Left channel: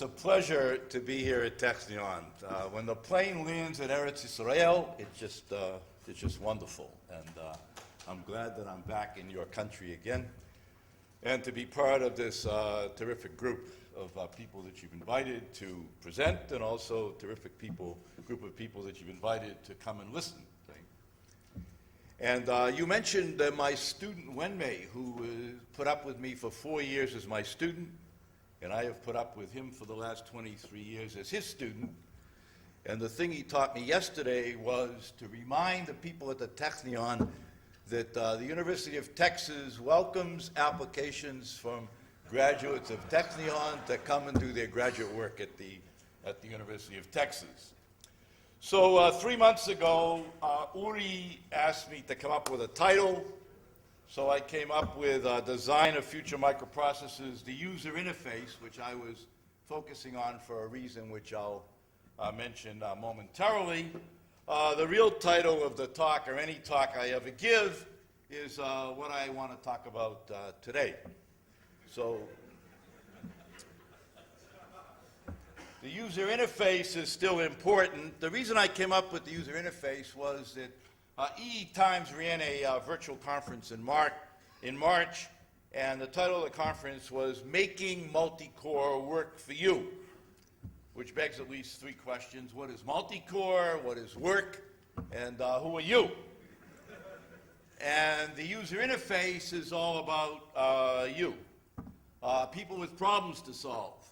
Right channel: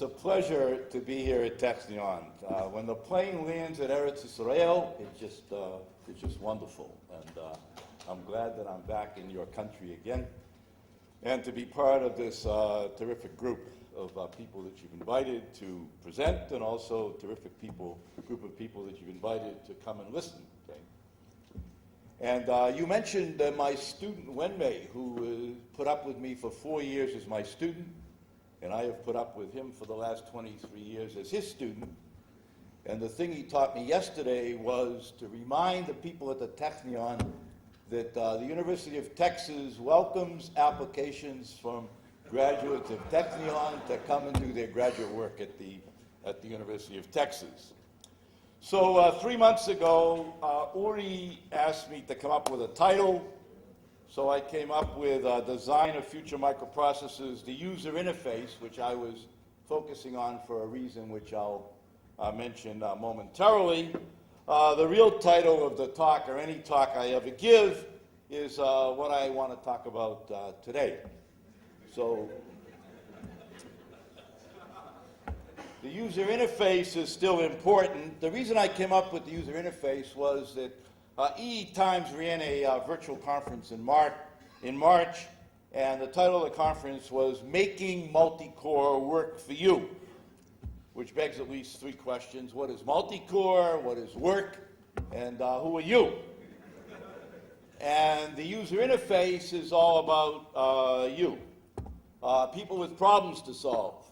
It's a pleasure to be here at Technion. When the plane lands at Eretz Israel, it's just wonderful. And I'm glad that I'm back in your country again, and to be part of this terrific group of people that you've invited to present, and also terrific group of people that you've invited to come and listen. And you mentioned my student Wenmei, who put up with me for 4 years as my student, and I have put up with him for the last 23 years as his student. And the thing he taught me yesterday was to remind the people at the Technion that the University of Texas welcomes applications from graduates of Technion to come and do their graduate work at the University of Texas. So 3 months ago, Uri asked me to come up with a title. So I came up with Design of Future Microprocessors, the user interface, which I was focusing on for a reason which I'll mention momentarily. The real title of the talk, or any talk I ever give, is what I want to talk about today. So the user interface is still important. The reason I came up with the user interface was that EE Times ran a virtual conference in March, and the title of the conference was Making Multi-Core Work for You, which begs at least 3 questions. What is multi-core? What is work? And who are you? And the user interface is all about you, people with problems to solve.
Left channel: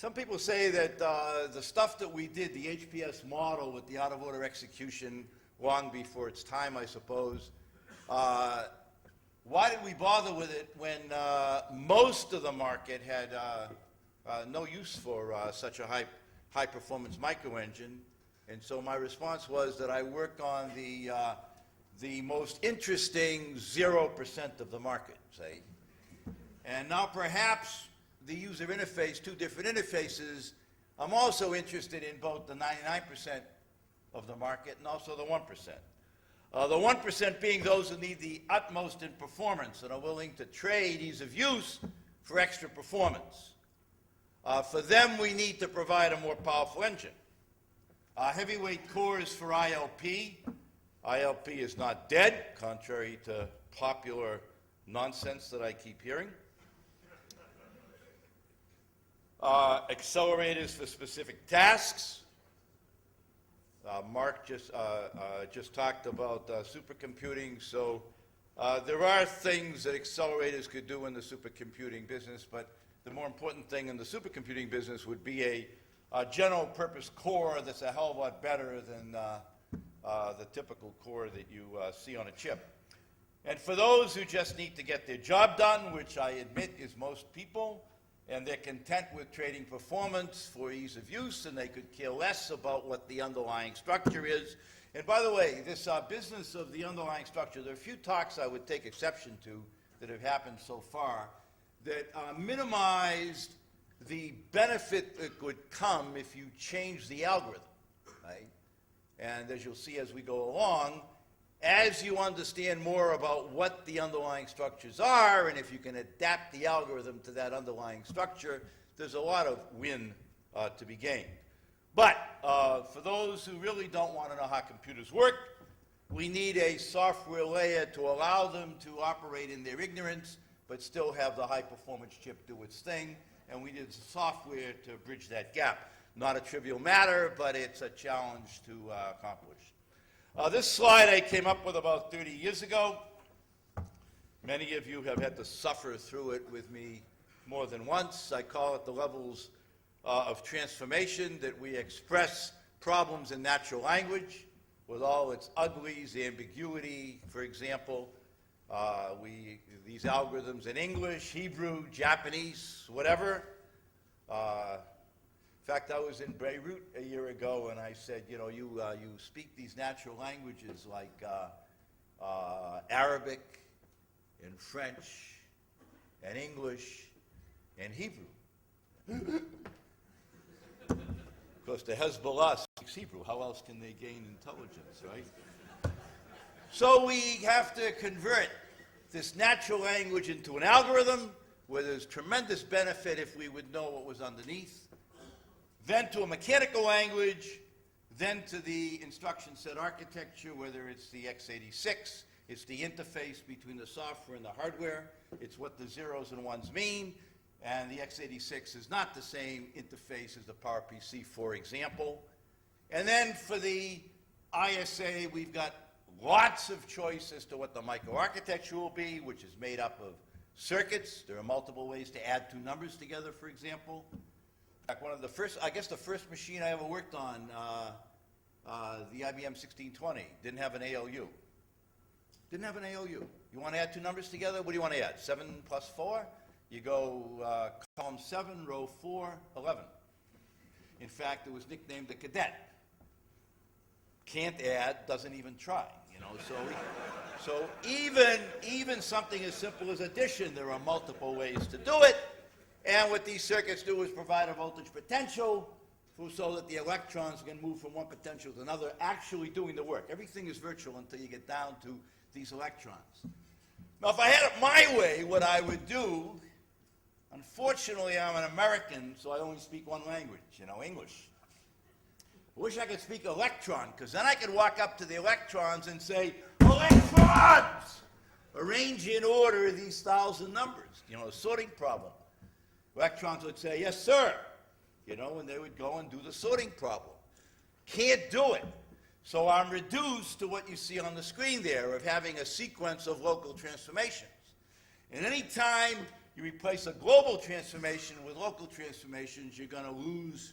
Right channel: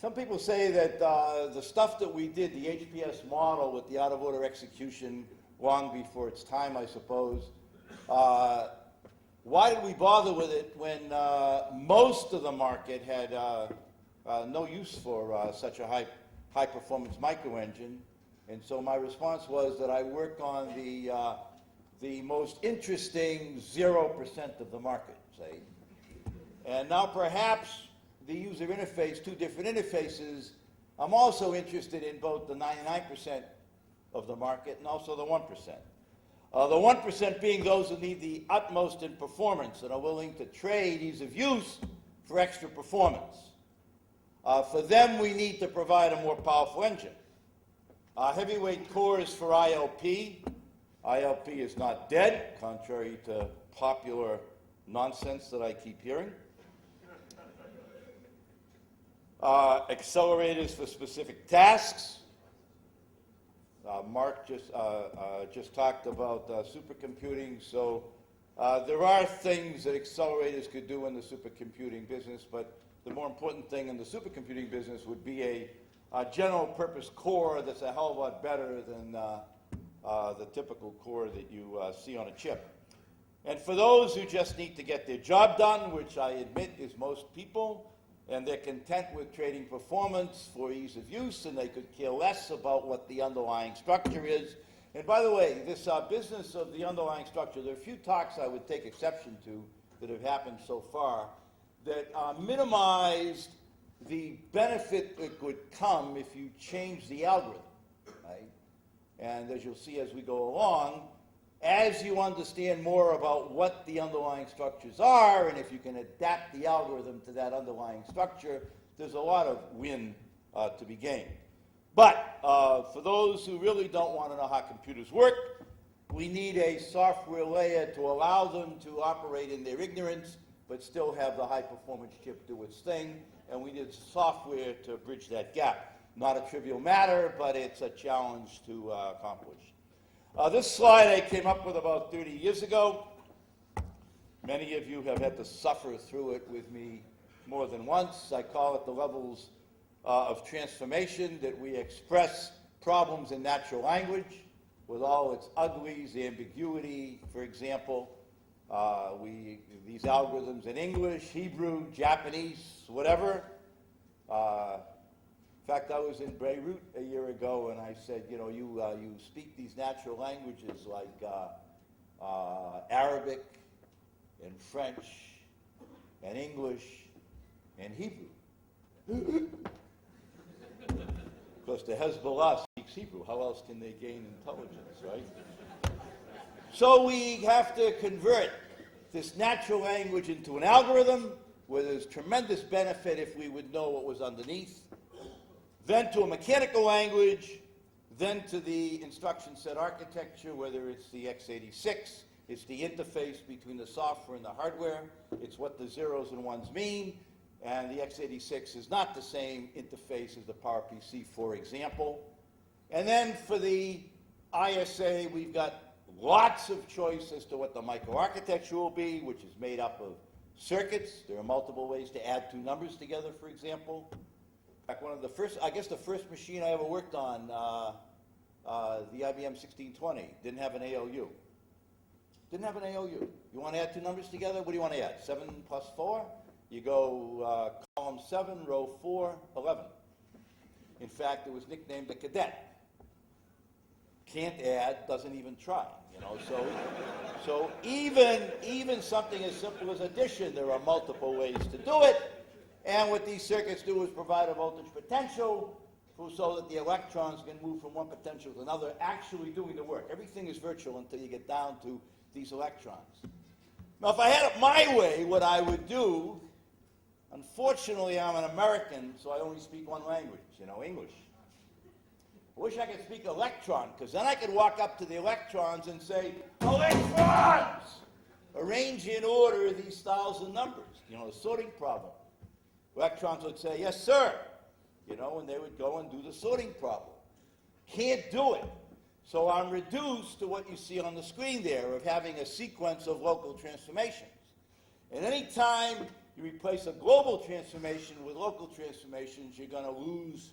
Some people say that the stuff that we did, the HPS model with the out-of-order execution long before its time, I suppose, why did we bother with it when most of the market had no use for such a high-performance microengine? And so my response was that I worked on the most interesting 0% of the market, say. And now perhaps the user interface, 2 different interfaces, I'm also interested in both the 99% of the market and also the 1%. The 1% being those who need the utmost in performance and are willing to trade ease of use for extra performance. For them, we need to provide a more powerful engine. Heavyweight cores for ILP. ILP is not dead, contrary to popular nonsense that I keep hearing. Accelerators for specific tasks. Mark just talked about supercomputing. So there are things that accelerators could do in the supercomputing business, but the more important thing in the supercomputing business would be a general purpose core that's a hell of a lot better than the typical core that you see on a chip. And for those who just need to get their job done, which I admit is most people, and they're content with trading performance for ease of use, and they could care less about what the underlying structure is. And by the way, this business of the underlying structure, there are a few talks I would take exception to that have happened so far that minimized the benefit that would come if you change the algorithm, right? And as you'll see as we go along, as you understand more about what the underlying structures are, and if you can adapt the algorithm to that underlying structure, there's a lot of win to be gained. But for those who really don't want to know how computers work, we need a software layer to allow them to operate in their ignorance, but still have the high-performance chip do its thing, and we need software to bridge that gap. Not a trivial matter, but it's a challenge to accomplish. This slide I came up with about 30 years ago. Many of you have had to suffer through it with me more than once. I call it the levels of transformation, that we express problems in natural language with all its uglies, ambiguity, for example. These algorithms in English, Hebrew, Japanese, whatever. In fact, I was in Beirut a year ago, and I said, you know, you speak these natural languages like Arabic and French and English and Hebrew. Because the Hezbollah speaks Hebrew. How else can they gain intelligence, right? So we have to convert this natural language into an algorithm, where there's tremendous benefit if we would know what was underneath, then to a mechanical language, then to the instruction set architecture, whether it's the x86, it's the interface between the software and the hardware, it's what the zeros and ones mean, and the x86 is not the same interface as the PowerPC, for example. And then for the ISA, we've got lots of choice as to what the microarchitecture will be, which is made up of circuits. There are multiple ways to add two numbers together, for example. In fact, one of the first, I guess the first machine I ever worked on, the IBM 1620, didn't have an ALU. Didn't have an ALU. You want to add two numbers together? What do you want to add? 7 plus 4? You go column 7, row 4, 11. In fact, it was nicknamed the cadet. Can't add, doesn't even try, you know. So even something as simple as addition, there are multiple ways to do it. And what these circuits do is provide a voltage potential so that the electrons can move from one potential to another, actually doing the work. Everything is virtual until you get down to these electrons. Now, if I had it my way, what I would do, unfortunately, I'm an American, so I only speak one language, you know, English. I wish I could speak electron, because then I could walk up to the electrons and say, electrons! Arrange in order these 1,000 numbers, you know, the sorting problem. Electrons would say, yes, sir, you know, and they would go and do the sorting problem. Can't do it. So I'm reduced to what you see on the screen there of having a sequence of local transformations. And any time you replace a global transformation with local transformations, you're going to lose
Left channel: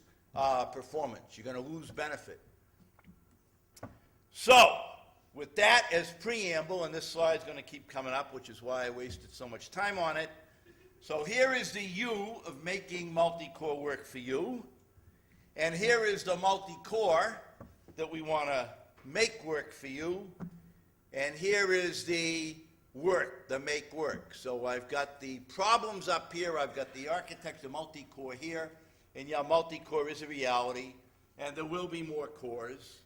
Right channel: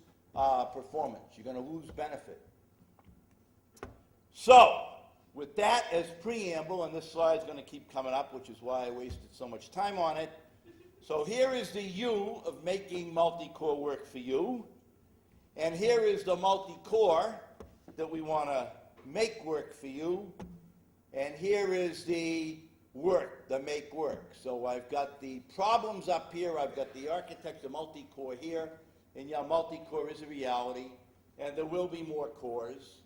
performance. You're going to lose benefit. So, with that as preamble, and this slide's going to keep coming up, which is why I wasted so much time on it. So here is the U of making multi-core work for you. And here is the multi-core that we want to make work for you. And here is the work, the make work. So I've got the problems up here. I've got the architecture multi-core here. And yeah, multi-core is a reality. And there will be more cores.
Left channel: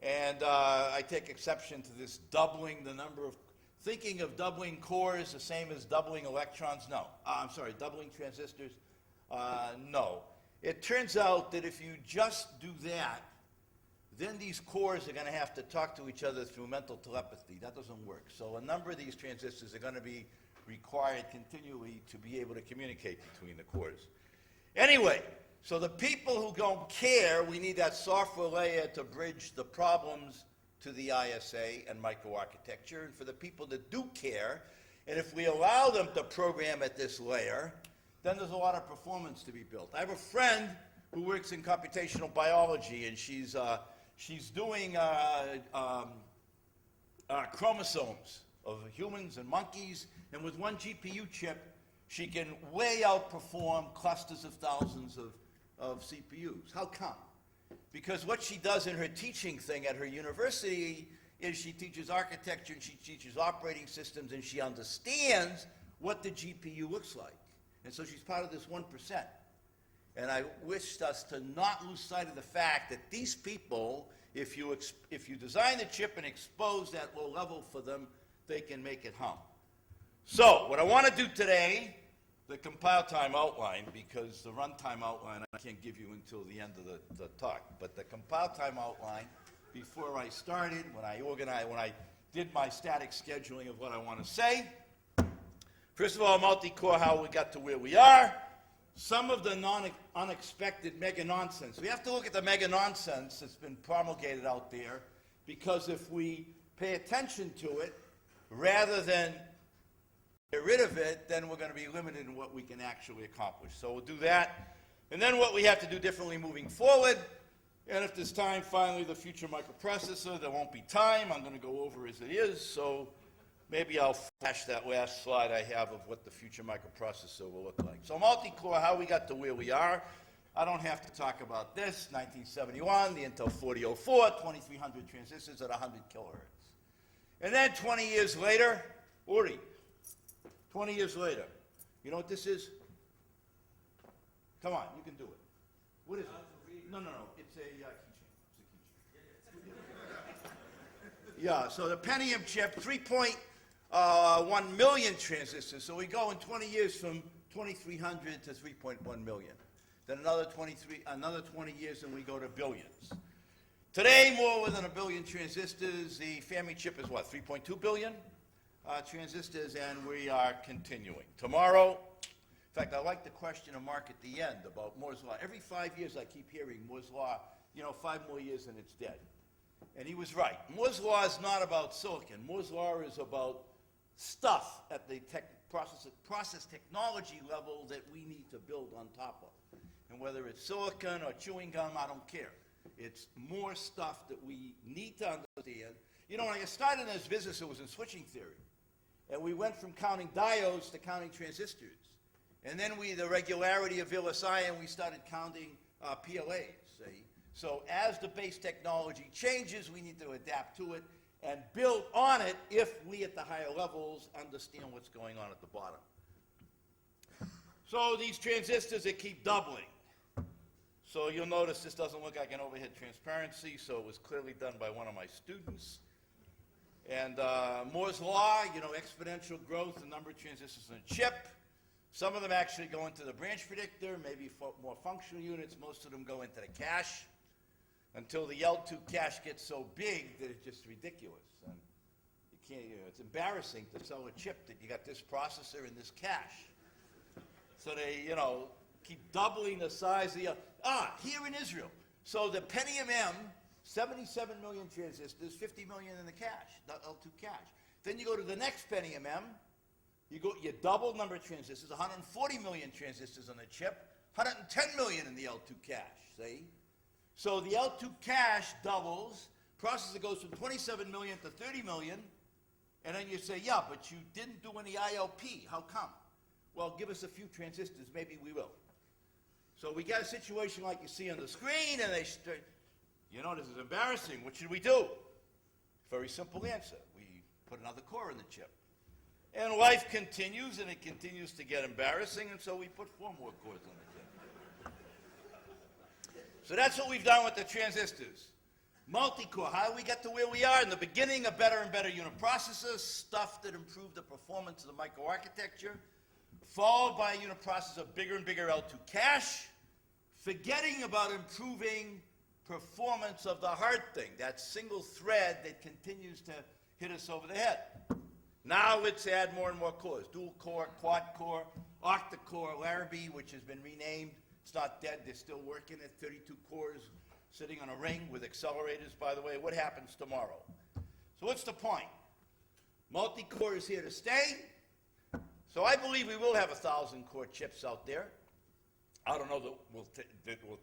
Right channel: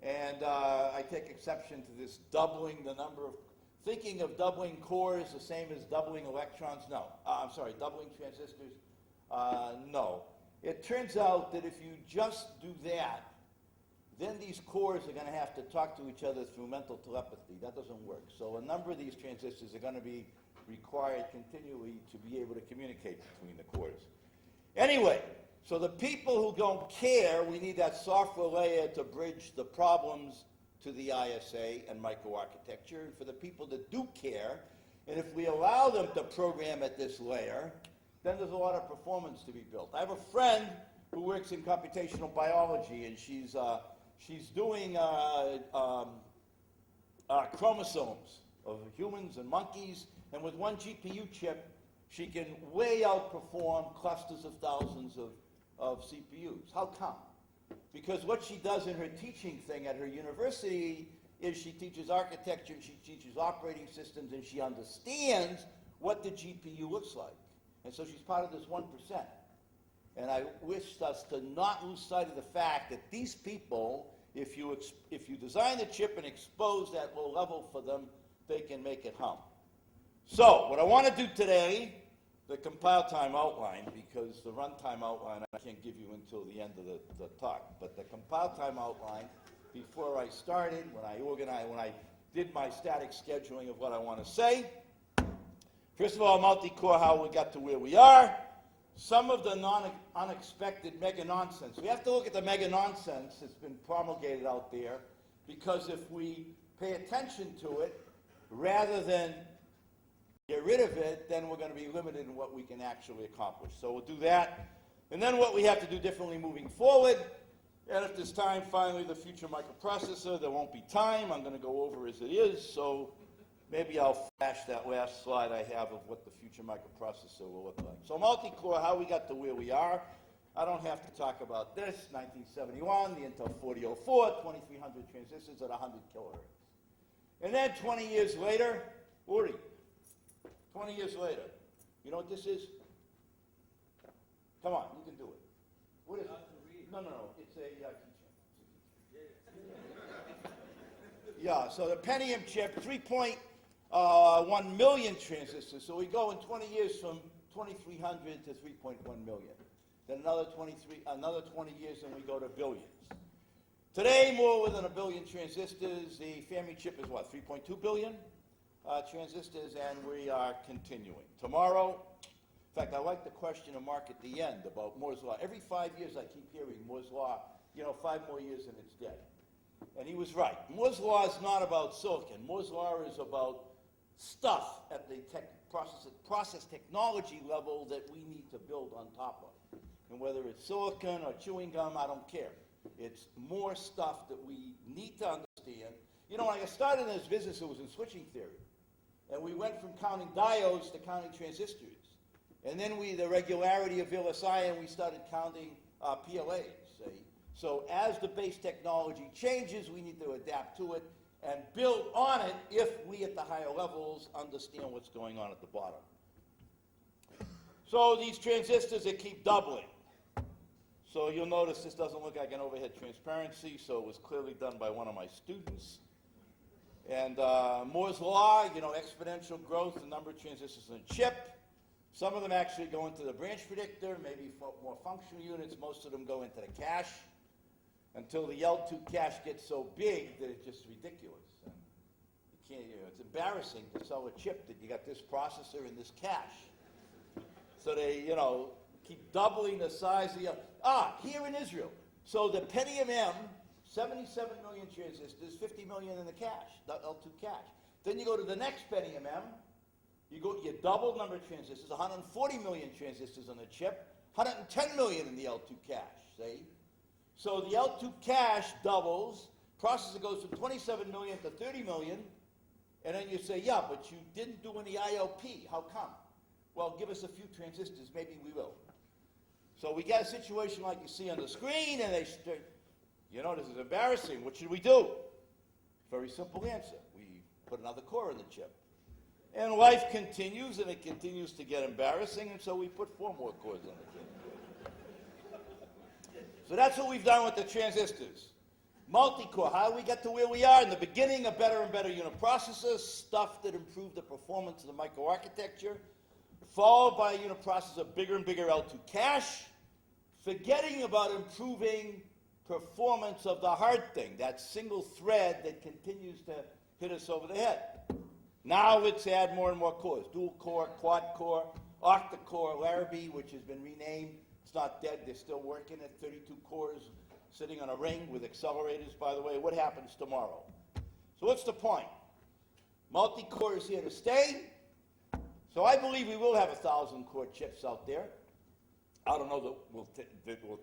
And I take exception to this doubling the number of, thinking of doubling cores the same as doubling electrons. No, I'm sorry, doubling transistors. No. It turns out that if you just do that, then these cores are going to have to talk to each other through mental telepathy. That doesn't work. So a number of these transistors are going to be required continually to be able to communicate between the cores. Anyway, so the people who don't care, we need that software layer to bridge the problems to the ISA and microarchitecture. And for the people that do care, and if we allow them to program at this layer, then there's a lot of performance to be built. I have a friend who works in computational biology, and she's doing chromosomes of humans and monkeys, and with one GPU chip, she can way outperform clusters of thousands of CPUs. How come? Because what she does in her teaching thing at her university is she teaches architecture and she teaches operating systems and she understands what the GPU looks like. And so she's part of this 1%. And I wish us to not lose sight of the fact that these people, if you design the chip and expose that low level for them, they can make it hum. So what I want to do today, the compile time outline, because the runtime outline I can't give you until the end of the talk, but the compile time outline, before I started, when I did my static scheduling of what I want to say, first of all, multi-core, how we got to where we are, some of the unexpected mega nonsense. We have to look at the mega nonsense that's been promulgated out there, because if we pay attention to it, rather than get rid of it, then we're going to be limited in what we can actually accomplish. So we'll do that. And then what we have to do differently moving forward. And if there's time, finally, the future microprocessor. There won't be time. I'm going to go over as it is. So maybe I'll flash that last slide I have of what the future microprocessor will look like. So multi-core, how we got to where we are. I don't have to talk about this. 1971, the Intel 4004, 2300 transistors at 100 kilohertz. And then 20 years later, 20 years later, you know what this is? Come on, you can do it. What is it? No, it's a keychain. Yeah, so the Pentium chip, 3.0 1 million transistors. So we go in 20 years from 2,300 to 3.1 million. Then another 20 years and we go to billions. Today, more than a billion transistors. The family chip is what, 3.2 billion transistors, and we are continuing. Tomorrow, in fact, I like the question of Mark at the end about Moore's Law. Every 5 years I keep hearing Moore's Law, 5 more years and it's dead. And he was right. Moore's Law is not about silicon. Moore's Law is about stuff at the process technology level that we need to build on top of. And whether it's silicon or chewing gum, I don't care. It's more stuff that we need to understand. When I started in this business, it was in switching theory. And we went from counting diodes to counting transistors. And then the regularity of VLSI, and we started counting PLAs. So as the base technology changes, we need to adapt to it and build on it if we at the higher levels understand what's going on at the bottom. So these transistors, they keep doubling. So you'll notice this doesn't look like an overhead transparency, so it was clearly done by one of my students. And Moore's Law, exponential growth, the number of transistors in a chip. Some of them actually go into the branch predictor, maybe for more functional units. Most of them go into the cache until the L2 cache gets so big that it's just ridiculous. And you can't, it's embarrassing to sell a chip that you got this processor and this cache. So they, keep doubling the size of the, here in Israel. So the Pentium M, 77 million transistors, 50 million in the cache, the L2 cache. Then you go to the next Pentium M, you double number of transistors, 140 million transistors on the chip, 110 million in the L2 cache, see? So the L2 cache doubles, processor goes from 27 million to 30 million, and then you say, yeah, but you didn't do any IOP. How come? Well, give us a few transistors, maybe we will. So we got a situation like you see on the screen, and they start, this is embarrassing. What should we do? Very simple answer. We put another core in the chip. And life continues, and it continues to get embarrassing, and so we put 4 more cores on the chip. So that's what we've done with the transistors. Multi-core, how do we get to where we are? In the beginning, a better and better uniprocessor, stuff that improved the performance of the microarchitecture, followed by a uniprocessor, bigger and bigger L2 cache, forgetting about improving performance of the hard thing, that single thread that continues to hit us over the head. Now let's add more and more cores, dual core, quad core, octa-core, Larrabee, which has been renamed. It's not dead, they're still working at 32 cores, sitting on a ring with accelerators, by the way. What happens tomorrow? So what's the point? Multi-core is here to stay. So I believe we will have 1,000-core chips out there. I don't know that we'll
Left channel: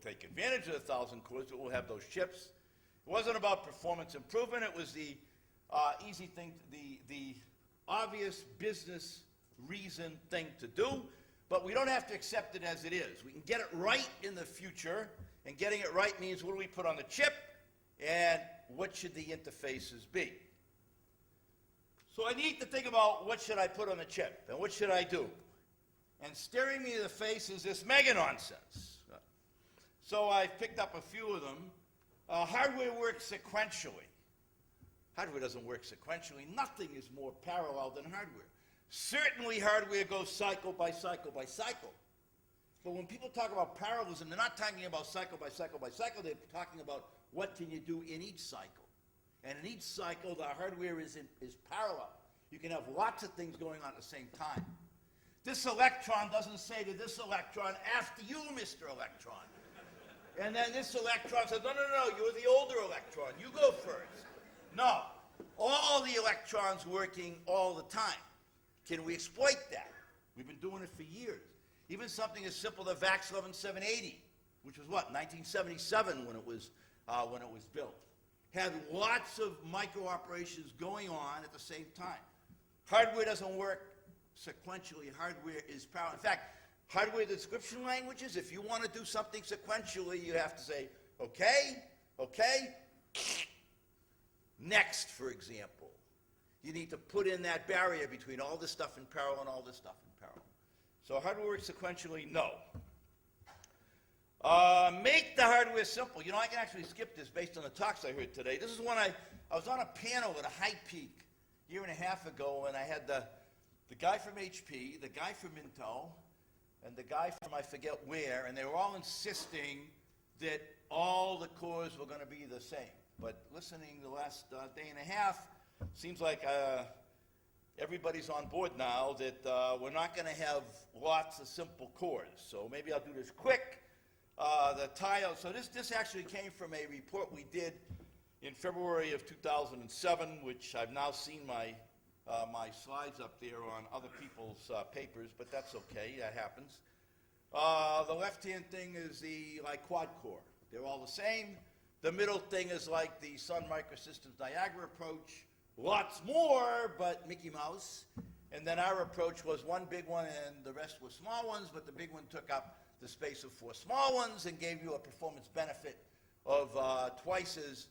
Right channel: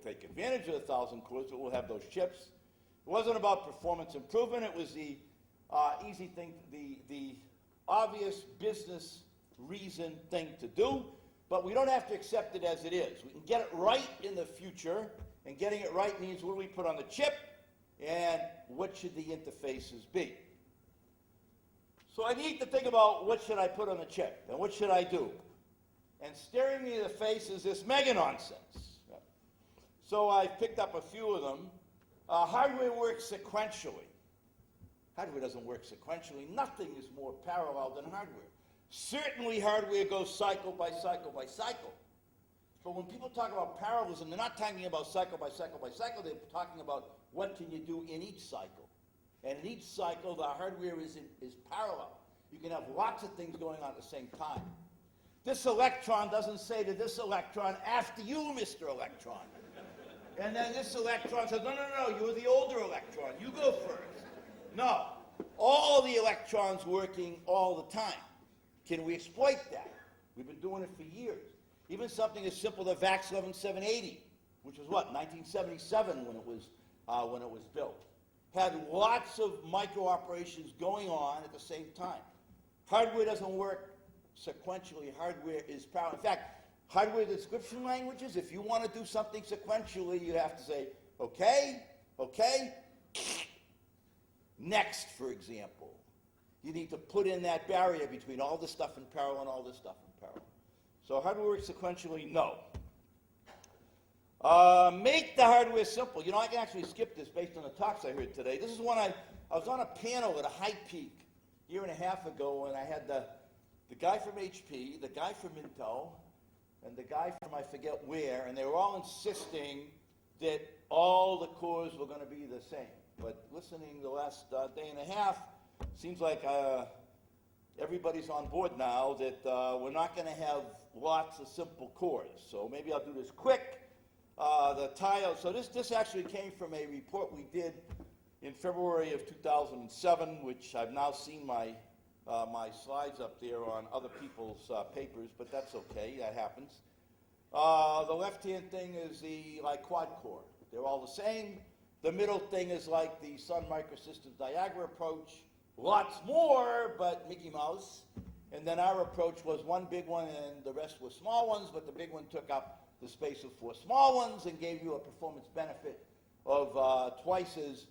take advantage of the 1,000 cores, but we'll have those chips. It wasn't about performance improvement. It was the easy thing, the obvious business reason thing to do, but we don't have to accept it as it is. We can get it right in the future, and getting it right means what do we put on the chip, and what should the interfaces be? So I need to think about what should I put on the chip, and what should I do? And staring me in the face is this mega nonsense. So I've picked up a few of them. Hardware works sequentially. Hardware doesn't work sequentially. Nothing is more parallel than hardware. Certainly hardware goes cycle by cycle by cycle. But when people talk about parallelism, they're not talking about cycle by cycle by cycle. They're talking about what can you do in each cycle. And in each cycle, the hardware is parallel. You can have lots of things going on at the same time. This electron doesn't say to this electron, after you, Mr. Electron. And then this electron says, no, you're the older electron. You go first. No. All the electrons working all the time. Can we exploit that? We've been doing it for years. Even something as simple as VAX 11780, which was what, 1977 when it was built, had lots of micro operations going on at the same time. Hardware doesn't work sequentially. Hardware is parallel. In fact, hardware description languages, if you want to do something sequentially, you have to say, okay, next, for example. You need to put in that barrier between all this stuff in parallel and all this stuff in parallel. So hardware works sequentially? No. Make the hardware simple. I can actually skip this based on the talks I heard today. This is one I was on a panel at a high peak year and a half ago, and I had the guy from HP, the guy from Intel, and the guy from I forget where, and they were all insisting that all the cores were going to be the same. But listening the last day and a half, seems like everybody's on board now that we're not going to have lots of simple cores. So maybe I'll do this quick. So this actually came from a report we did in February of 2007, which I've now seen my slides up there on other people's papers, but that's okay, that happens. The left-hand thing is the quad core. They're all the same. The middle thing is like the Sun Microsystems Niagara approach. Lots more, but Mickey Mouse. And then our approach was one big one and the rest were small ones, but the big one took up the space of 4 small ones and gave you a performance benefit of twice as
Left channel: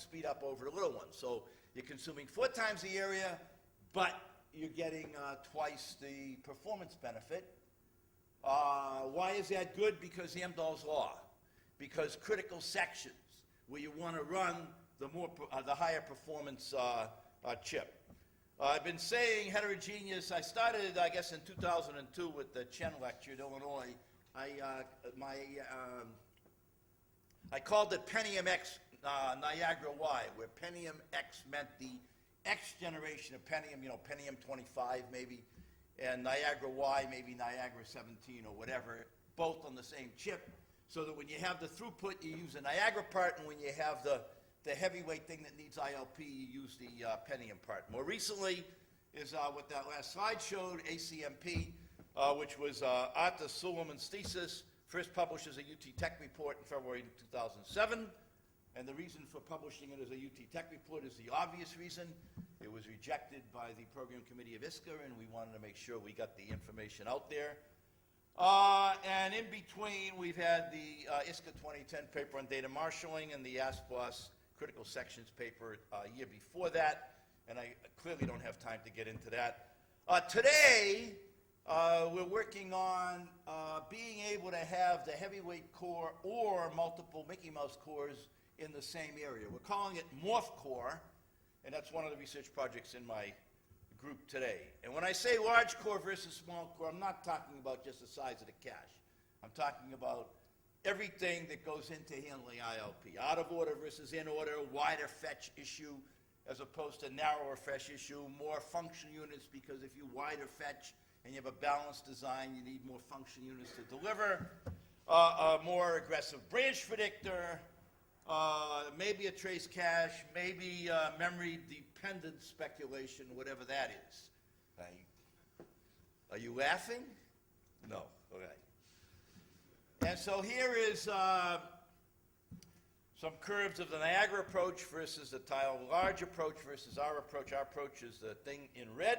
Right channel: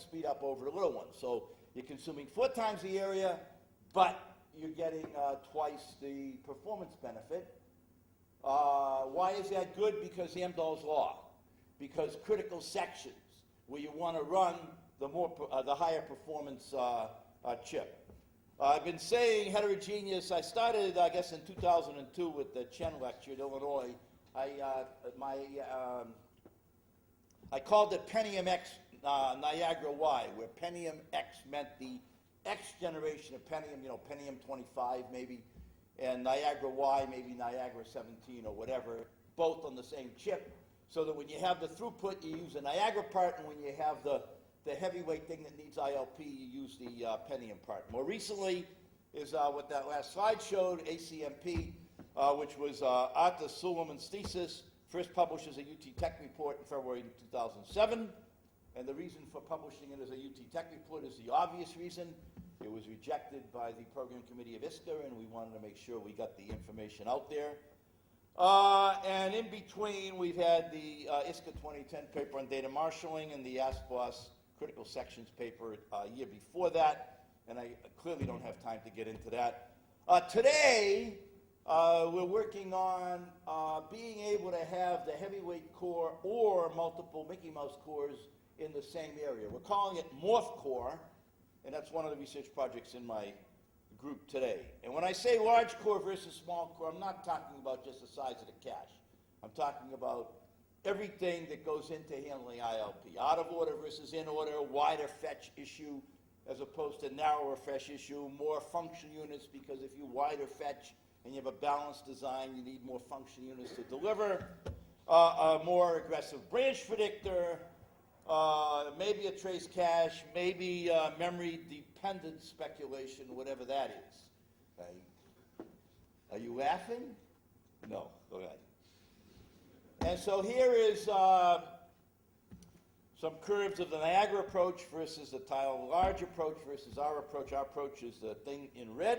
speed up over the little ones. So you're consuming 4 times the area, but you're getting twice the performance benefit. Why is that good? Because the Amdahl's law. Because critical sections, where you want to run the higher performance chip. I've been saying heterogeneous. I started, I guess, in 2002 with the Chen lecture in Illinois. I called it Pentium X Niagara Y, where Pentium X meant the X generation of Pentium, Pentium 25 maybe, and Niagara Y, maybe Niagara 17 or whatever, both on the same chip, so that when you have the throughput, you use the Niagara part, and when you have the heavyweight thing that needs ILP, you use the Pentium part. More recently is what that last slide showed, ACMP, which was Arthur Suleiman's thesis, first published as a UT Tech report in February 2007. And the reason for publishing it as a UT Tech report is the obvious reason. It was rejected by the program committee of ISCA, and we wanted to make sure we got the information out there. And in between, we've had the ISCA 2010 paper on data marshalling and the ASPOS critical sections paper a year before that, and I clearly don't have time to get into that. Today, we're working on being able to have the heavyweight core or multiple Mickey Mouse cores in the same area. We're calling it Morph Core, and that's one of the research projects in my group today. And when I say large core versus small core, I'm not talking about just the size of the cache. I'm talking about everything that goes into handling ILP. Out of order versus in order, wider fetch issue as opposed to narrower fetch issue, more function units, because if you wider fetch and you have a balanced design, you need more function units to deliver, a more aggressive branch predictor, maybe a trace cache, maybe memory dependent speculation, whatever that is. Right? Are you laughing? No. Okay. And so here is some curves of the Niagara approach versus the tile large approach versus our approach. Our approach is the thing in red.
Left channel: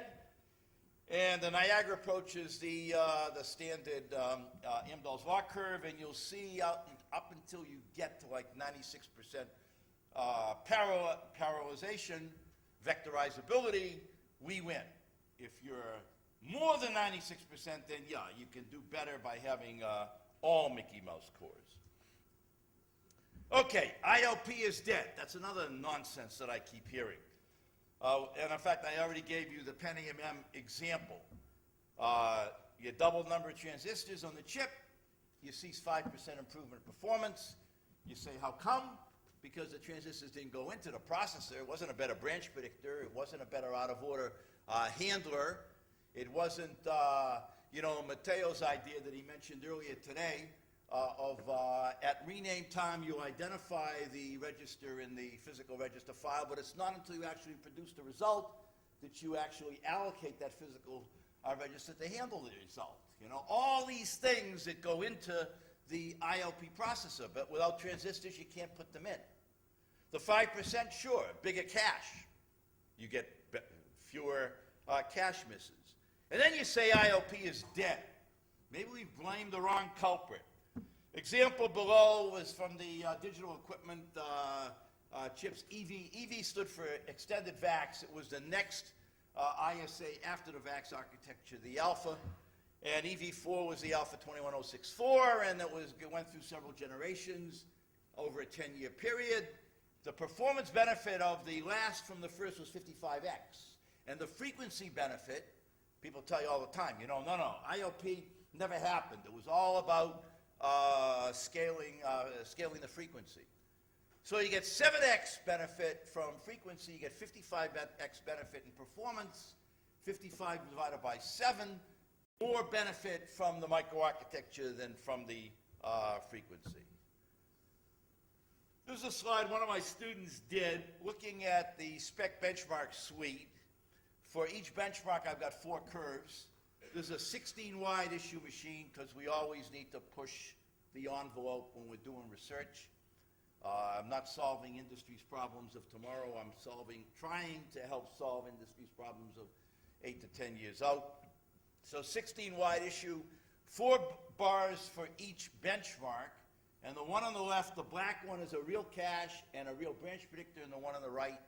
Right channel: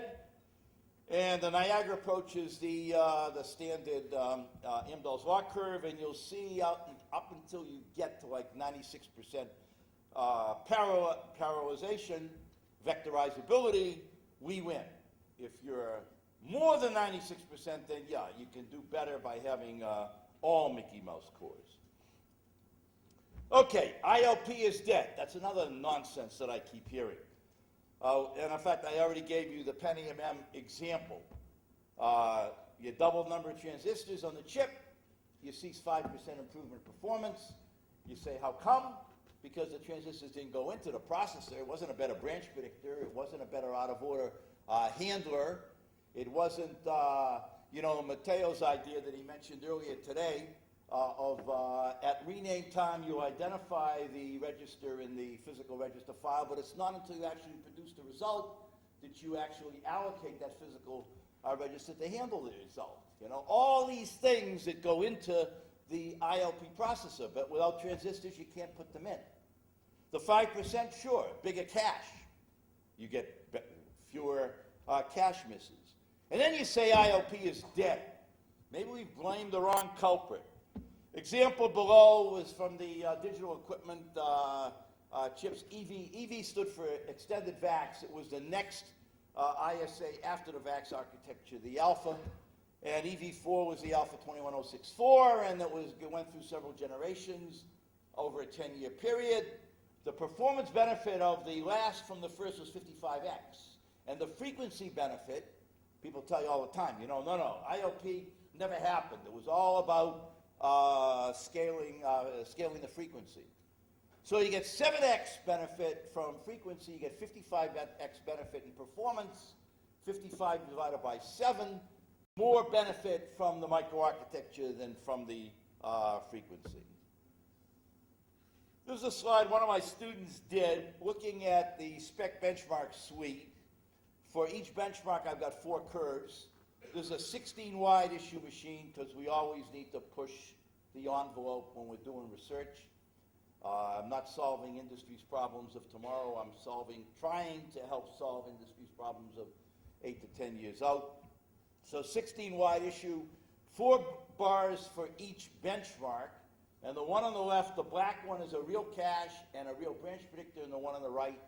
And the Niagara approach is the standard Amdahl's law curve, and you'll see up until you get to like 96% parallelization, vectorizability, we win. If you're more than 96%, then yeah, you can do better by having all Mickey Mouse cores. Okay, ILP is dead. That's another nonsense that I keep hearing. And in fact, I already gave you the Pentium M example. You double number of transistors on the chip, you see 5% improvement in performance. You say, how come? Because the transistors didn't go into the processor. It wasn't a better branch predictor. It wasn't a better out-of-order handler. It wasn't, Mateo's idea that he mentioned earlier today at rename time, you identify the register in the physical register file, but it's not until you actually produce the result that you actually allocate that physical register to handle the result. All these things that go into the ILP processor, but without transistors, you can't put them in. The 5%, sure, bigger cache. You get fewer cache misses. And then you say ILP is dead. Maybe we blamed the wrong culprit. Example below is from the digital equipment chips EV. EV stood for Extended VAX. It was the next ISA after the VAX architecture, the Alpha. And EV4 was the Alpha 21064, and it went through several generations over a 10-year period. The performance benefit of the last from the first was 55x. And the frequency benefit, people tell you all the time, no, ILP never happened. It was all about scaling the frequency. So you get 7x benefit from frequency, you get 55x benefit in performance, 55 divided by 7, more benefit from the microarchitecture than from the frequency. This is a slide one of my students did looking at the spec benchmark suite. For each benchmark, I've got 4 curves. There's a 16 wide issue machine because we always need to push the envelope when we're doing research. I'm not solving industry's problems of tomorrow. I'm trying to help solve industry's problems of 8 to 10 years out. So 16 wide issue, 4 bars for each benchmark. And the one on the left, the black one, is a real cache and a real branch predictor, and the one on the right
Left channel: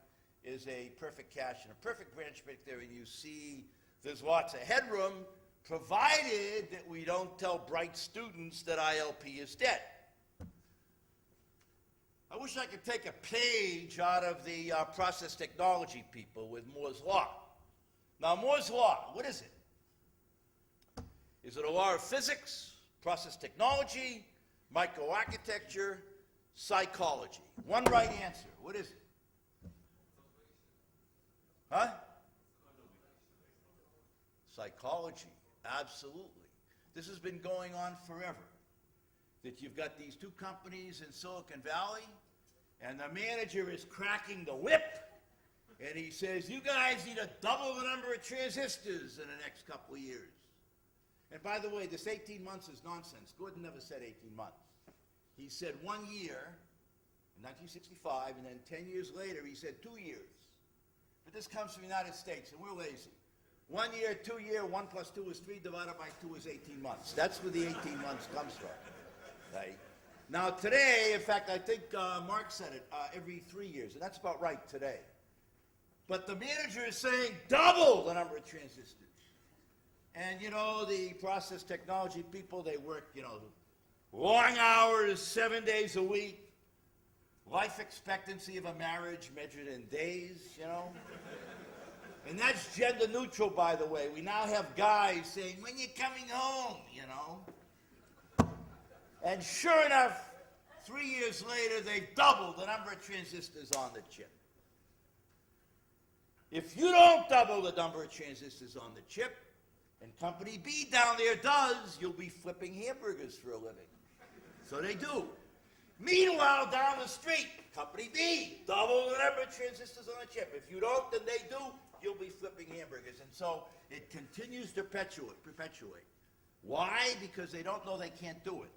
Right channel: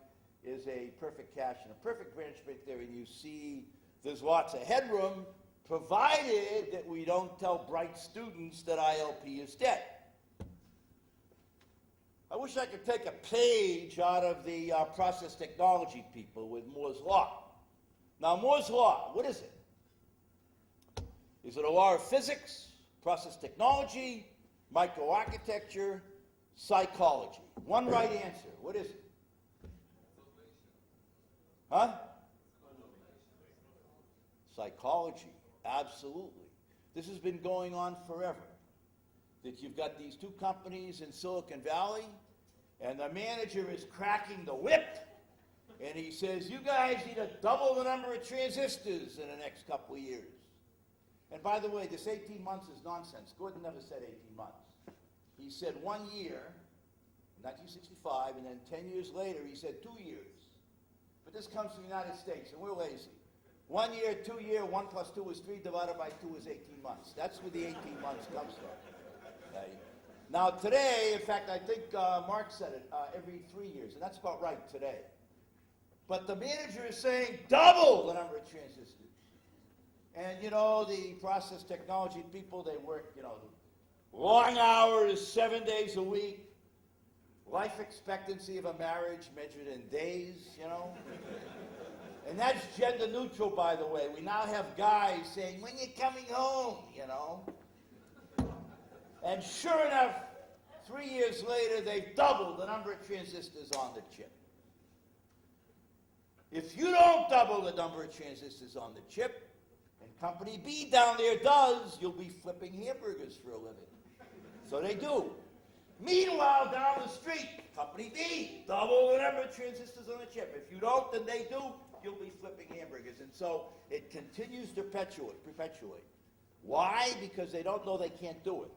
is a perfect cache and a perfect branch predictor. And you see there's lots of headroom, provided that we don't tell bright students that ILP is dead. I wish I could take a page out of the process technology people with Moore's Law. Now, Moore's Law, what is it? Is it a law of physics, process technology, microarchitecture, psychology? One right answer. What is it? Huh? Psychology. Absolutely. This has been going on forever. That you've got these 2 companies in Silicon Valley, and the manager is cracking the whip, and he says, you guys need to double the number of transistors in the next couple of years. And by the way, this 18 months is nonsense. Gordon never said 18 months. He said 1 year, in 1965, and then 10 years later, he said 2 years. But this comes from the United States, and we're lazy. 1 year, 2 year, 1 plus 2 is 3, divided by 2 is 18 months. That's where the 18 months comes from. Right? Now today, in fact, I think Mark said it, every 3 years, and that's about right today. But the manager is saying double the number of transistors. And the process technology people, they work, long hours, 7 days a week. Life expectancy of a marriage measured in days, And that's gender neutral, by the way. We now have guys saying, when you coming home, And sure enough, 3 years later, they've doubled the number of transistors on the chip. If you don't double the number of transistors on the chip, and Company B down there does, you'll be flipping hamburgers for a living. So they do. Meanwhile, down the street, Company B, double the number of transistors on the chip. If you don't, then they do, you'll be flipping hamburgers. And so it continues to perpetuate. Why? Because they don't know they can't do it.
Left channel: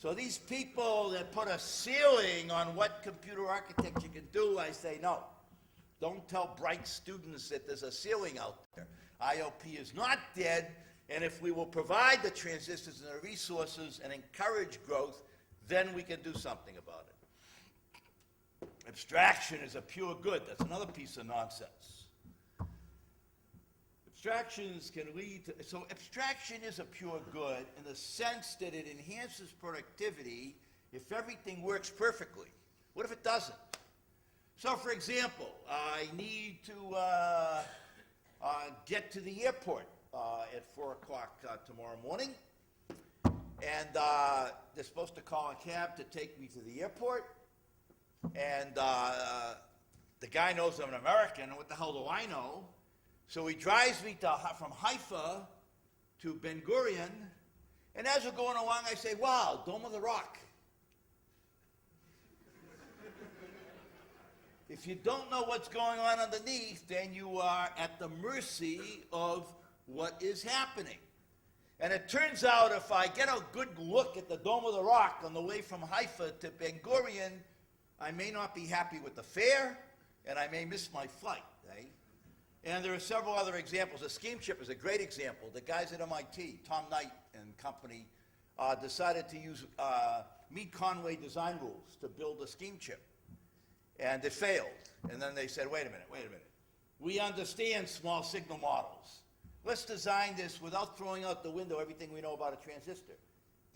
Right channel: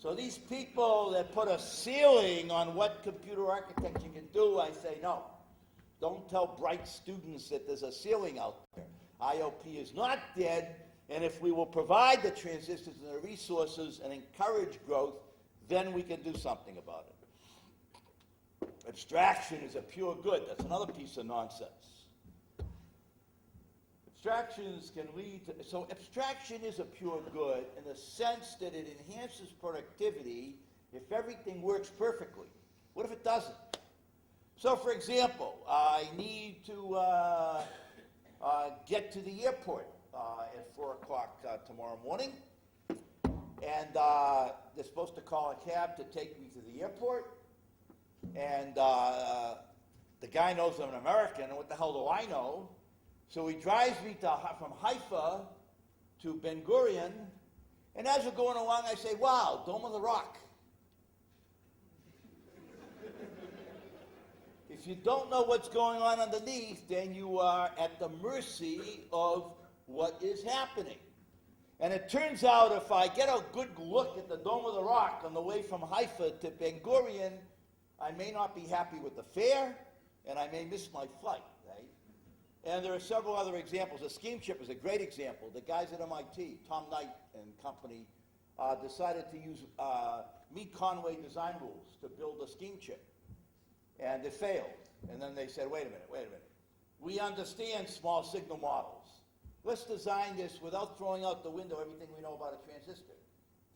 So these people that put a ceiling on what computer architecture can do, I say no. Don't tell bright students that there's a ceiling out there. ILP is not dead, and if we will provide the transistors and the resources and encourage growth, then we can do something about it. Abstraction is a pure good. That's another piece of nonsense. Abstractions can lead to, so abstraction is a pure good in the sense that it enhances productivity if everything works perfectly. What if it doesn't? So, for example, I need to get to the airport at 4 o'clock tomorrow morning, and they're supposed to call a cab to take me to the airport, and the guy knows I'm an American, and what the hell do I know? So he drives me from Haifa to Ben Gurion, and as we're going along, I say, wow, Dome of the Rock. If you don't know what's going on underneath, then you are at the mercy of what is happening. And it turns out if I get a good look at the Dome of the Rock on the way from Haifa to Ben Gurion, I may not be happy with the fare, and I may miss my flight. Right? And there are several other examples. The scheme chip is a great example. The guys at MIT, Tom Knight and company, decided to use Meade Conway design rules to build a scheme chip. And it failed. And then they said, wait a minute. We understand small signal models. Let's design this without throwing out the window everything we know about a transistor.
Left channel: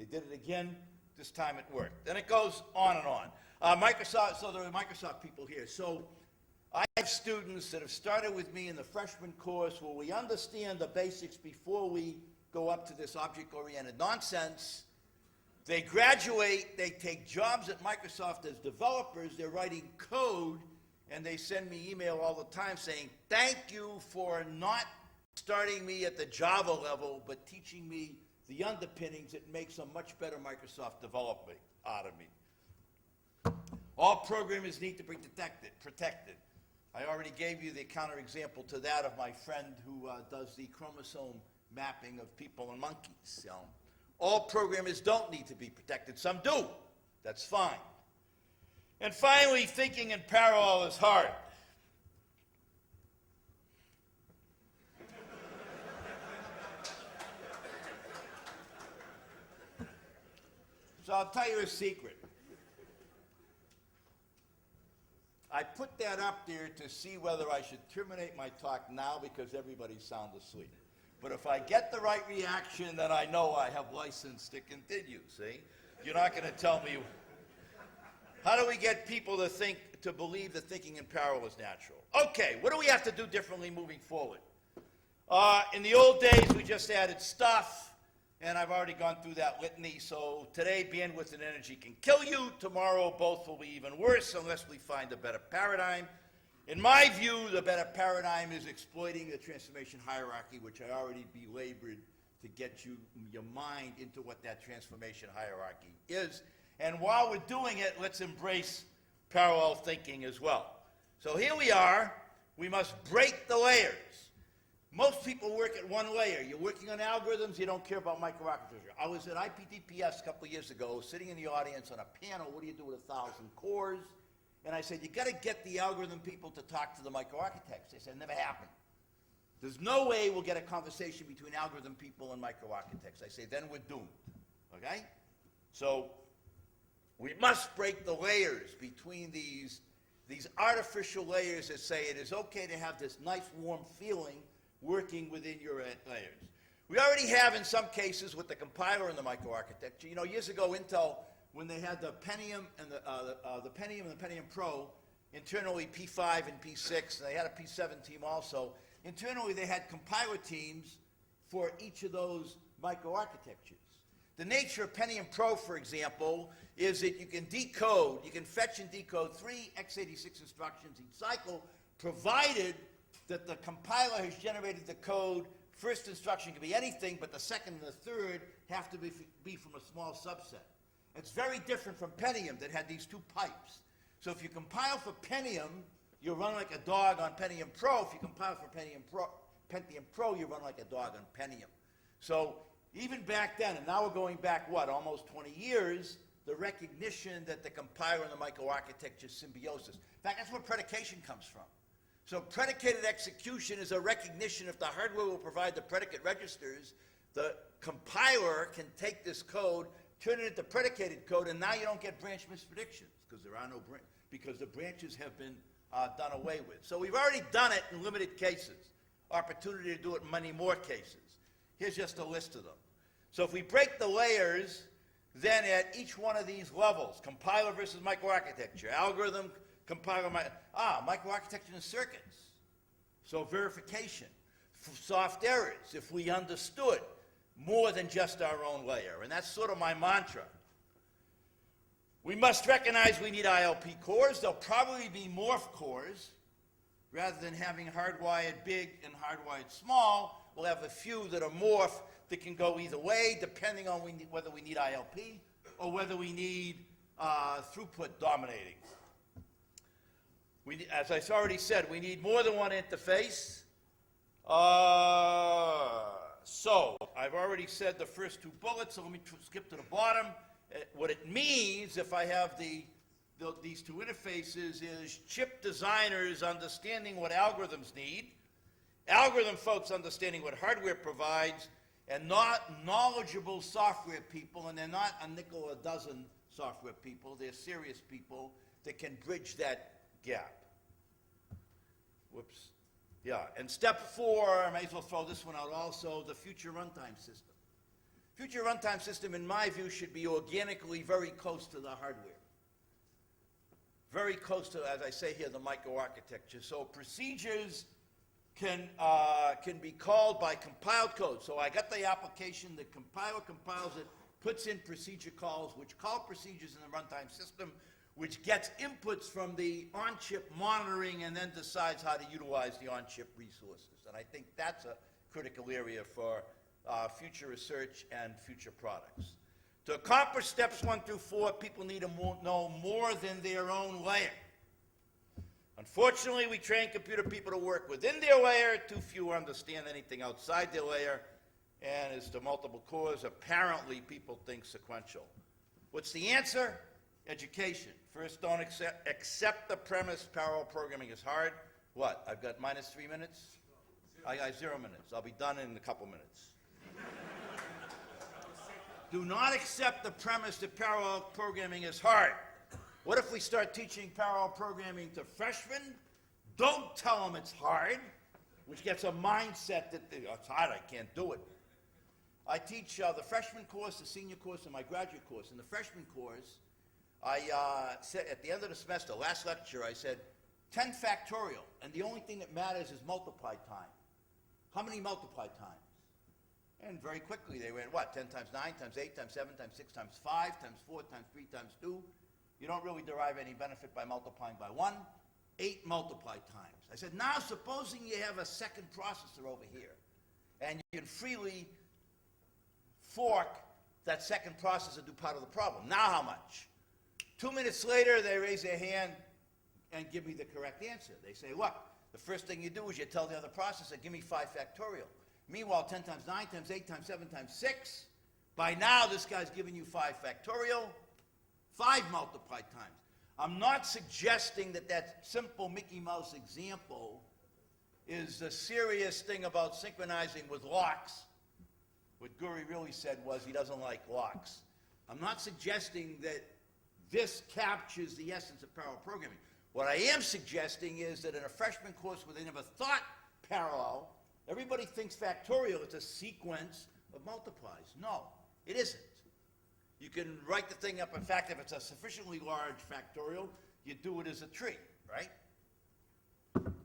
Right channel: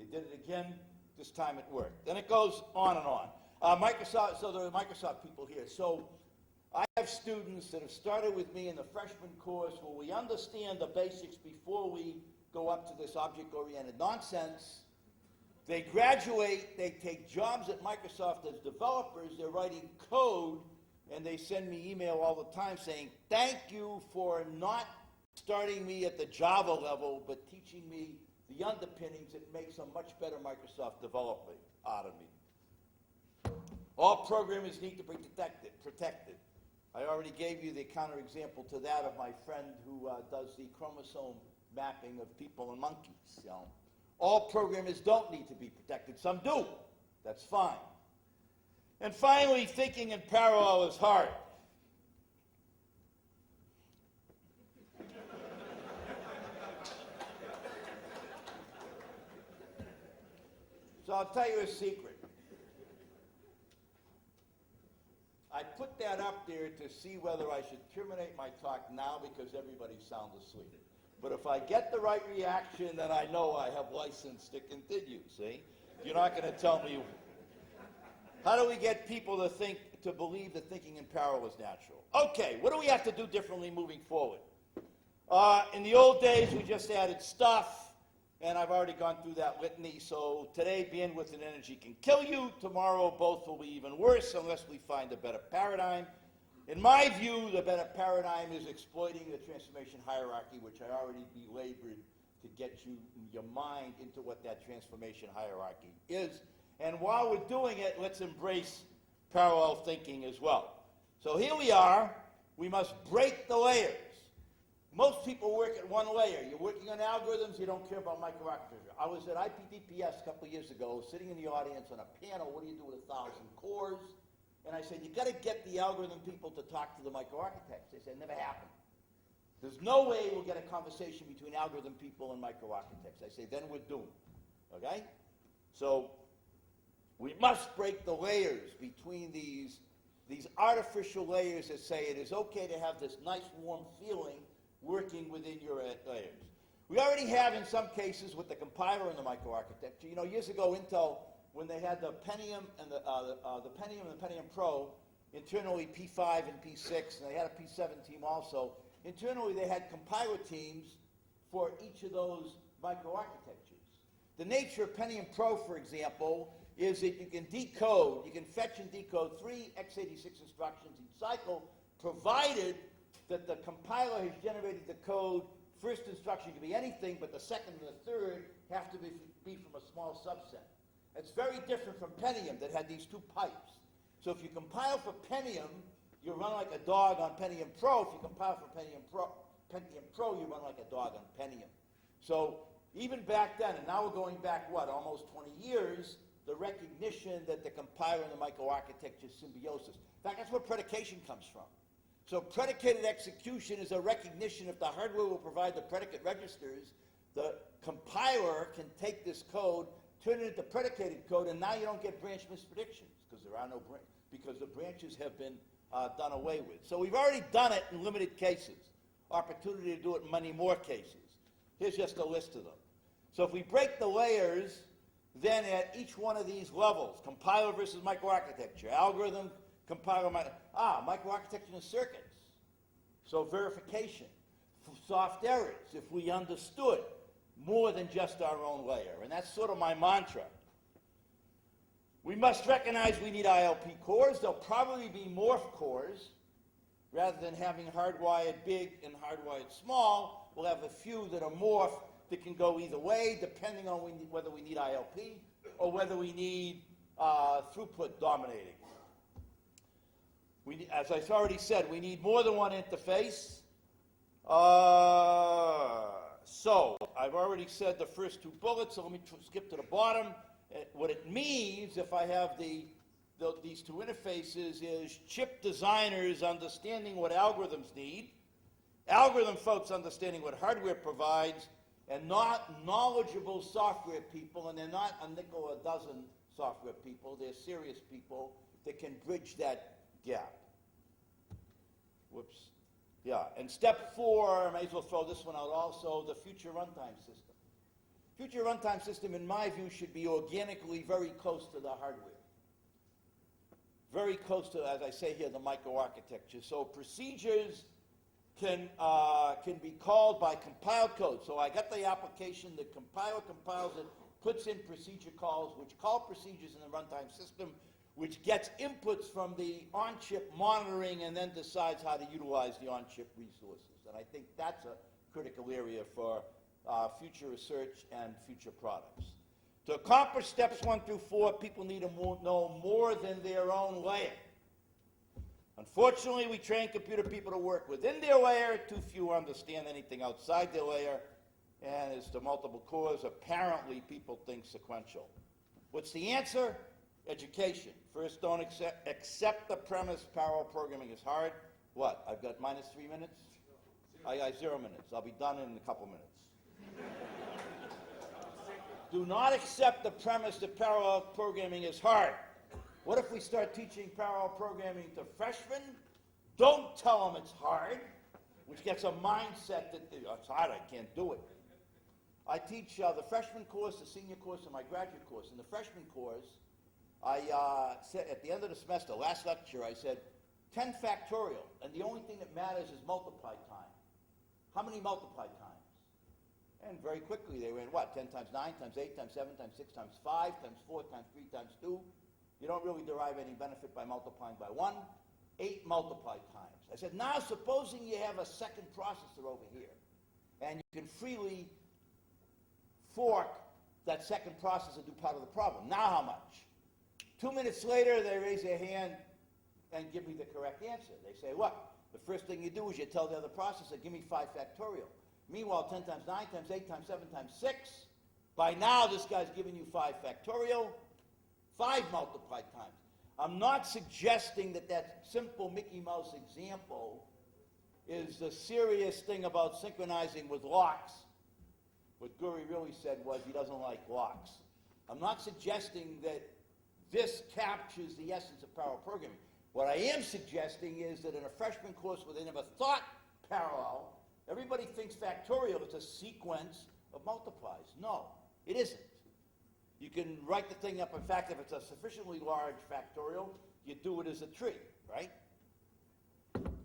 They did it again. This time it worked. Then it goes on and on. Microsoft, so there are Microsoft people here. So I have students that have started with me in the freshman course where we understand the basics before we go up to this object-oriented nonsense. They graduate, they take jobs at Microsoft as developers, they're writing code, and they send me email all the time saying, thank you for not starting me at the Java level, but teaching me the underpinnings. It makes a much better Microsoft developer out of me. All programmers need to be protected. I already gave you the counterexample to that of my friend who does the chromosome mapping of people and monkeys. All programmers don't need to be protected. Some do. That's fine. And finally, thinking in parallel is hard. So I'll tell you a secret. I put that up there to see whether I should terminate my talk now because everybody's sound asleep. But if I get the right reaction, then I know I have license to continue, see? You're not going to tell me. How do we get people to believe that thinking in parallel is natural? Okay, what do we have to do differently moving forward? In the old days, we just added stuff, and I've already gone through that litany. So today, bandwidth and energy can kill you. Tomorrow, both will be even worse unless we find a better paradigm. In my view, the better paradigm is exploiting the transformation hierarchy, which I already belabored to get your mind into what that transformation hierarchy is. And while we're doing it, let's embrace parallel thinking as well. So here we are. We must break the layers. Most people work at one layer. You're working on algorithms, you don't care about microarchitecture. I was at IPDPS a couple of years ago, sitting in the audience on a panel, what do you do with 1,000 cores? And I said, you got to get the algorithm people to talk to the microarchitects. They said, never happened. There's no way we'll get a conversation between algorithm people and microarchitects. I say, then we're doomed, okay? So we must break the layers between these artificial layers that say it is okay to have this nice warm feeling working within your layers. We already have in some cases with the compiler and the microarchitecture. You know, years ago, Intel, when they had the Pentium and the Pentium and the Pentium Pro, internally P5 and P6, and they had a P7 team also. Internally, they had compiler teams for each of those microarchitectures. The nature of Pentium Pro, for example, is that you can fetch and decode 3 x86 instructions each cycle, provided that the compiler has generated the code. First instruction can be anything, but the second and the third have to be from a small subset. It's very different from Pentium that had these two pipes. So if you compile for Pentium, you run like a dog on Pentium Pro. If you compile for Pentium Pro, you run like a dog on Pentium. So even back then, and now we're going back, almost 20 years, the recognition that the compiler and the microarchitecture symbiosis. In fact, that's where predication comes from. So predicated execution is a recognition if the hardware will provide the predicate registers, the compiler can take this code, turn it into predicated code, and now you don't get branch mispredictions because there are no because the branches have been done away with. So we've already done it in limited cases. Opportunity to do it in many more cases. Here's just a list of them. So if we break the layers, then at each one of these levels, compiler versus microarchitecture, algorithm, compiler, microarchitecture and circuits. So verification, soft errors, if we understood more than just our own layer. And that's sort of my mantra. We must recognize we need ILP cores. There'll probably be morph cores. Rather than having hardwired big and hardwired small, we'll have a few that are morph that can go either way, depending on whether we need ILP or whether we need throughput dominating. As I already said, we need more than one interface. So I've already said the first two bullets, so let me skip to the bottom. What it means if I have these two interfaces is chip designers understanding what algorithms need, algorithm folks understanding what hardware provides, and not knowledgeable software people, and they're not a nickel a dozen software people, they're serious people that can bridge that gap. Whoops. Yeah, and step 4, I may as well throw this one out also, the future runtime system. Future runtime system, in my view, should be organically very close to the hardware. very close to, as I say here, the microarchitecture. So procedures can be called by compiled code. So I got the application, the compiler compiles it, puts in procedure calls, which call procedures in the runtime system, which gets inputs from the on-chip monitoring and then decides how to utilize the on-chip resources. And I think that's a critical area for future research and future products. To accomplish steps 1 through 4, people need to know more than their own layer. Unfortunately, we train computer people to work within their layer. Too few understand anything outside their layer. And as to multiple cores, apparently people think sequential. What's the answer? Education. First, don't accept the premise parallel programming is hard. What? I've got minus 3 minutes? I got 0 minutes. I'll be done in a couple minutes. Do not accept the premise that parallel programming is hard. What if we start teaching parallel programming to freshmen? Don't tell them it's hard, which gets a mindset that it's hard, I can't do it. I teach the freshman course, the senior course, and my graduate course. In the freshman course, I said at the end of the semester, last lecture, I said 10 factorial, and the only thing that matters is multiply time. How many multiply times? And very quickly they went, what, 10 times 9 times 8 times 7 times 6 times 5 times 4 times 3 times 2. You don't really derive any benefit by multiplying by 1. 8 multiply times. I said, now supposing you have a second processor over here, and you can freely fork that second processor to do part of the problem. Now how much? 2 minutes later, they raise their hand and give me the correct answer. They say, look, the first thing you do is you tell the other processor, give me 5 factorial. Meanwhile, 10 times 9 times 8 times 7 times 6. By now, this guy's giving you 5 factorial, 5 multiplied times. I'm not suggesting that that simple Mickey Mouse example is the serious thing about synchronizing with locks. What Guri really said was he doesn't like locks. I'm not suggesting that this captures the essence of parallel programming. What I am suggesting is that in a freshman course where they never thought parallel, everybody thinks factorial is a sequence of multiplies. No, it isn't. You can write the thing up. In fact, if it's a sufficiently large factorial, you do it as a tree, right?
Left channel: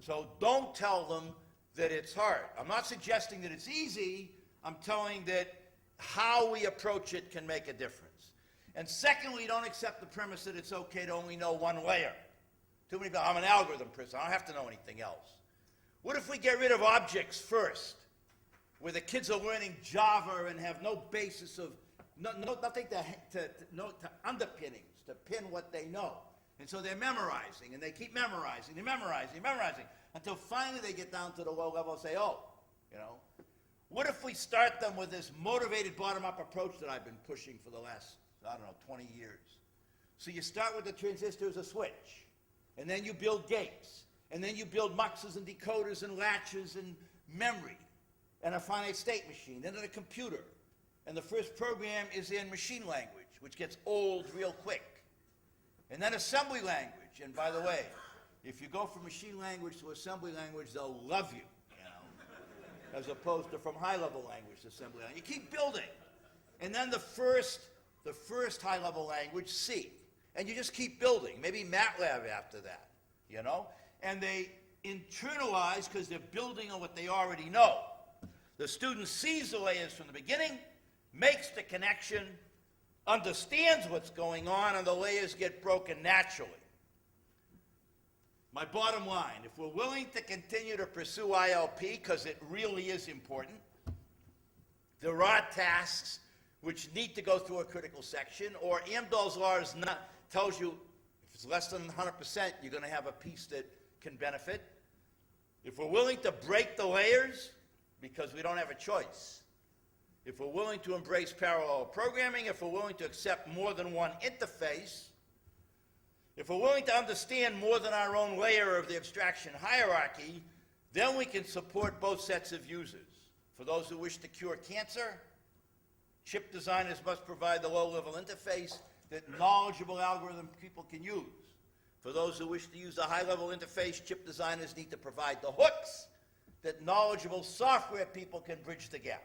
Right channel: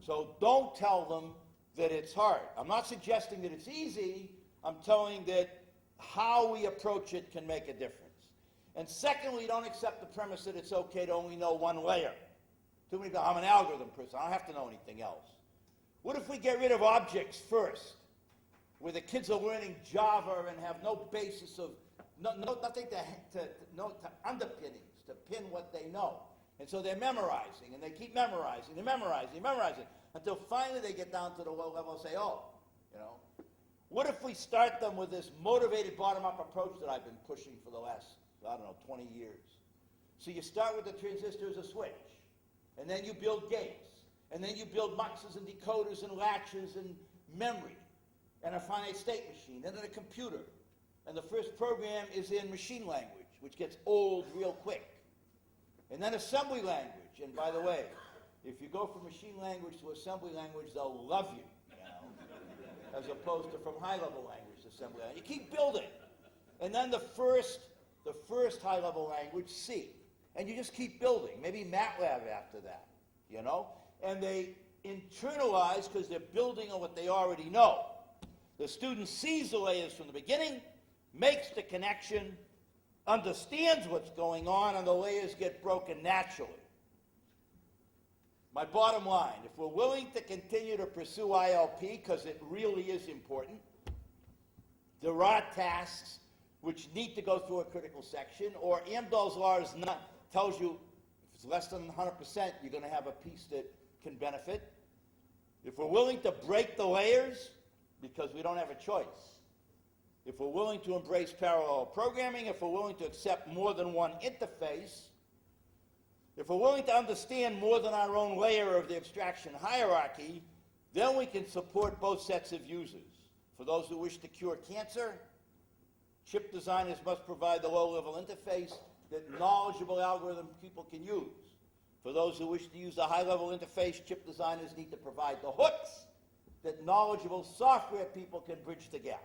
So don't tell them that it's hard. I'm not suggesting that it's easy. I'm telling that how we approach it can make a difference. And secondly, don't accept the premise that it's okay to only know one layer. Too many people, I'm an algorithm person. I don't have to know anything else. What if we get rid of objects first, where the kids are learning Java and have no basis of, nothing to underpinnings, to pin what they know. And so they're memorizing, and they keep memorizing, until finally they get down to the low level and say, oh, you know. What if we start them with this motivated bottom-up approach that I've been pushing for the last, I don't know, 20 years? So you start with the transistor as a switch, and then you build gates. And then you build muxes and decoders and latches and memory and a finite state machine, then a computer. And the first program is in machine language, which gets old real quick. And then assembly language. And by the way, if you go from machine language to assembly language, they'll love you, you know, as opposed to from high-level language to assembly language. You keep building. And then the first high-level language, C. And you just keep building. Maybe MATLAB after that, you know? And they internalize because they're building on what they already know. The student sees the layers from the beginning, makes the connection, understands what's going on, and the layers get broken naturally. My bottom line, if we're willing to continue to pursue ILP, because it really is important, there are tasks which need to go through a critical section, or Amdahl's law tells you if it's less than 100%, you're going to have a piece that can benefit. If we're willing to break the layers, because we don't have a choice, if we're willing to embrace parallel programming, if we're willing to accept more than one interface, if we're willing to understand more than our own layer of the abstraction hierarchy, then we can support both sets of users. For those who wish to cure cancer, chip designers must provide the low-level interface that knowledgeable algorithm people can use. For those who wish to use the high-level interface, chip designers need to provide the hooks that knowledgeable software people can bridge the gap.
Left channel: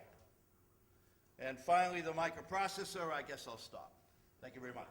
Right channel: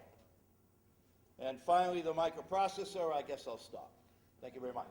And finally, the microprocessor, I guess I'll stop. Thank you very much.